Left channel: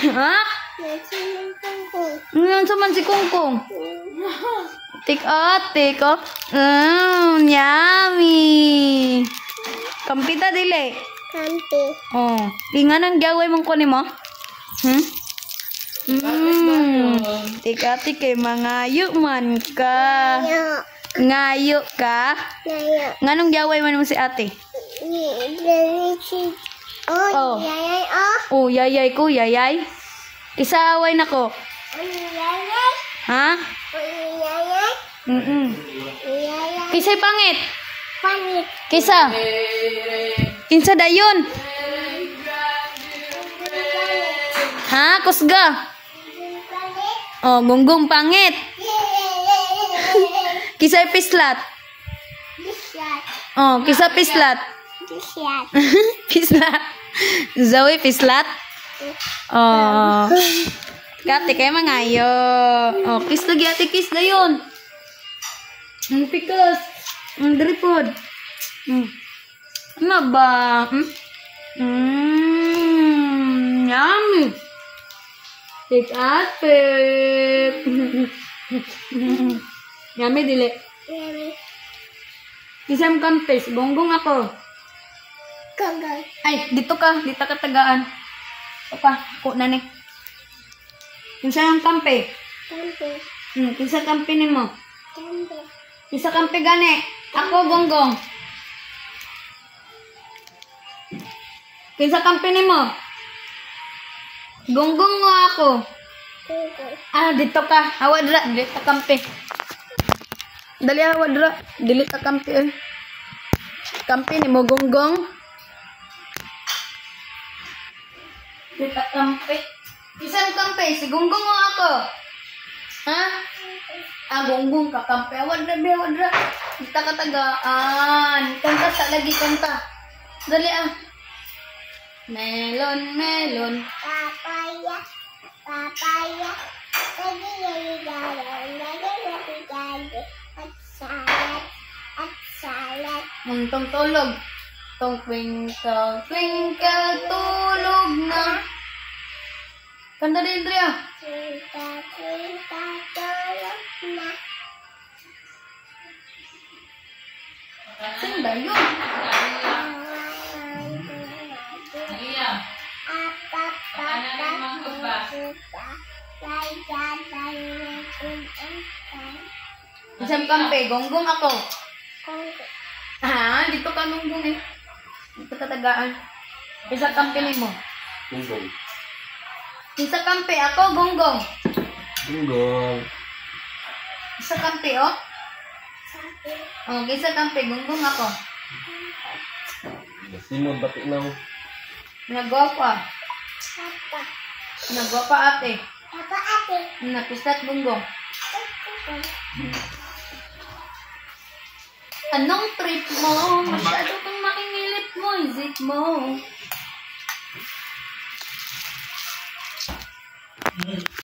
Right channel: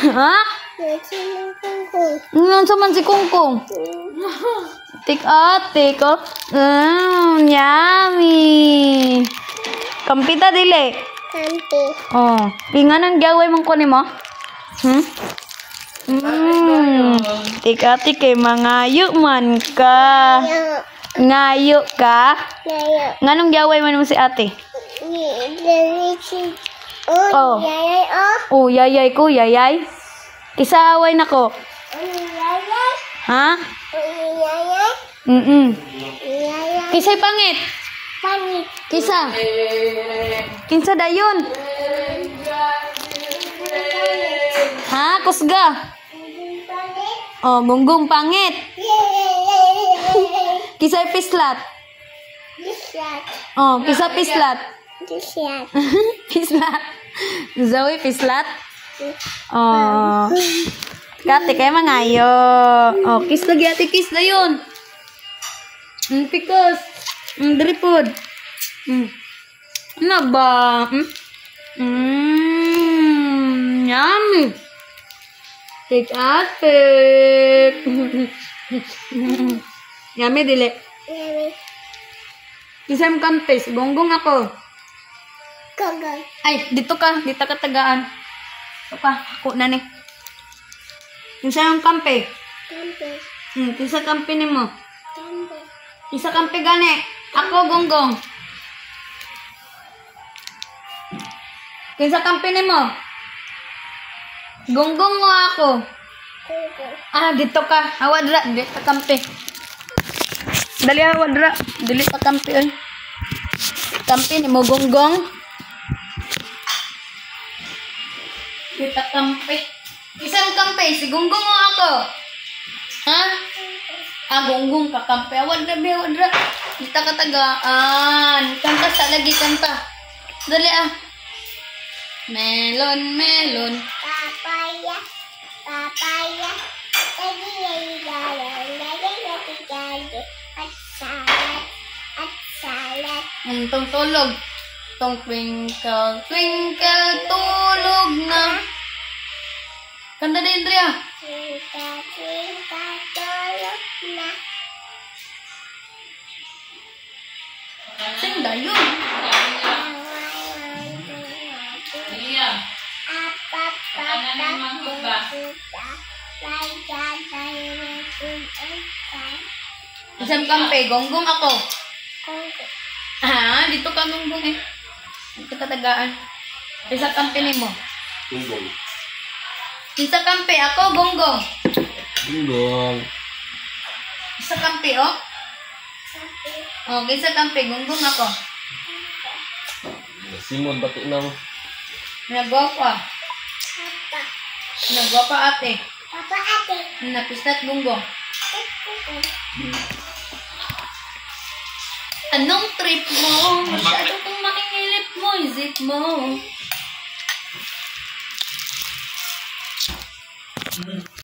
Ha? Saman si Kungkong. Tik oh. Yummy. Kampita dili. Kampi. Oh, inganan gaway mong kunin mo? Tik kay mangayo man ka. Ngayo ka? Ngayo. Nganong gaway man mo si ate? Oh. Yayay oh. Oh, yayay ko, yayay. Isaaway na ko. Yayay. Ha? Yayay. Yayay. Kisa'y pangit. Panit. Kisa. Kinsa dayon. Ha? Kusga. Panit. Oh, gunggong pangit. Kisa'y pislat. Disyat. Oh, kisa pislat. Disyat. Pislat. Zoe pislat. Oh. Kate kay mangayo. Oh, kiss lagi ate, kiss dayon. Pikas. Dripod. Ano ba? Yummy. Take ate. Yummy dili. Yummy. Kisam kampes, gonggong ako. Gagay. Ay, dito ka tagaan. Dito ka, ako na ni. Kinsa yung kampe? Kampi. Kinsa kampe ni mo? Kampi. Kinsa kampe gani? Ako, gonggong. Kinsa kampe ni mo? Gonggong mo ako. Kuko. Ah, dito ka. Hawa dira, dili ta kampe. Dali hawa dira, dili ta kampe oy. Kampe ni mo gonggong. Dili ta kampe. Isang kampe, si gonggong mo ako. Ha? Ah, gonggong ka kampe. Hawa dira. Dili ta katagaan. Kanta sa lagi kanta. Dali ah. Melon, melon. Papaya. Papaya. Lagi lagi galon. Lagi galon. At salad. At salad. Tong tulog. Tong twinkle, twinkle, tulog na. Kanta din, Dria. Twinkle, twinkle, tulog na. Sing dayon. Isang kampe, gonggong ako. Ah, dito ka gonggong eh. Dito ka tagaan. Isa kampe ni mo. Gonggong. Isa kampe, ako gonggong. Gonggong. Isa kampe, oh. Oh, isa kampe, gonggong ako. Simon, batik na mo. Nagwapa. Papa. Nagwapa ate. Papa ate. Napisat gonggong. Anong trip mo? Masyado kang makingilip mo, isip mo.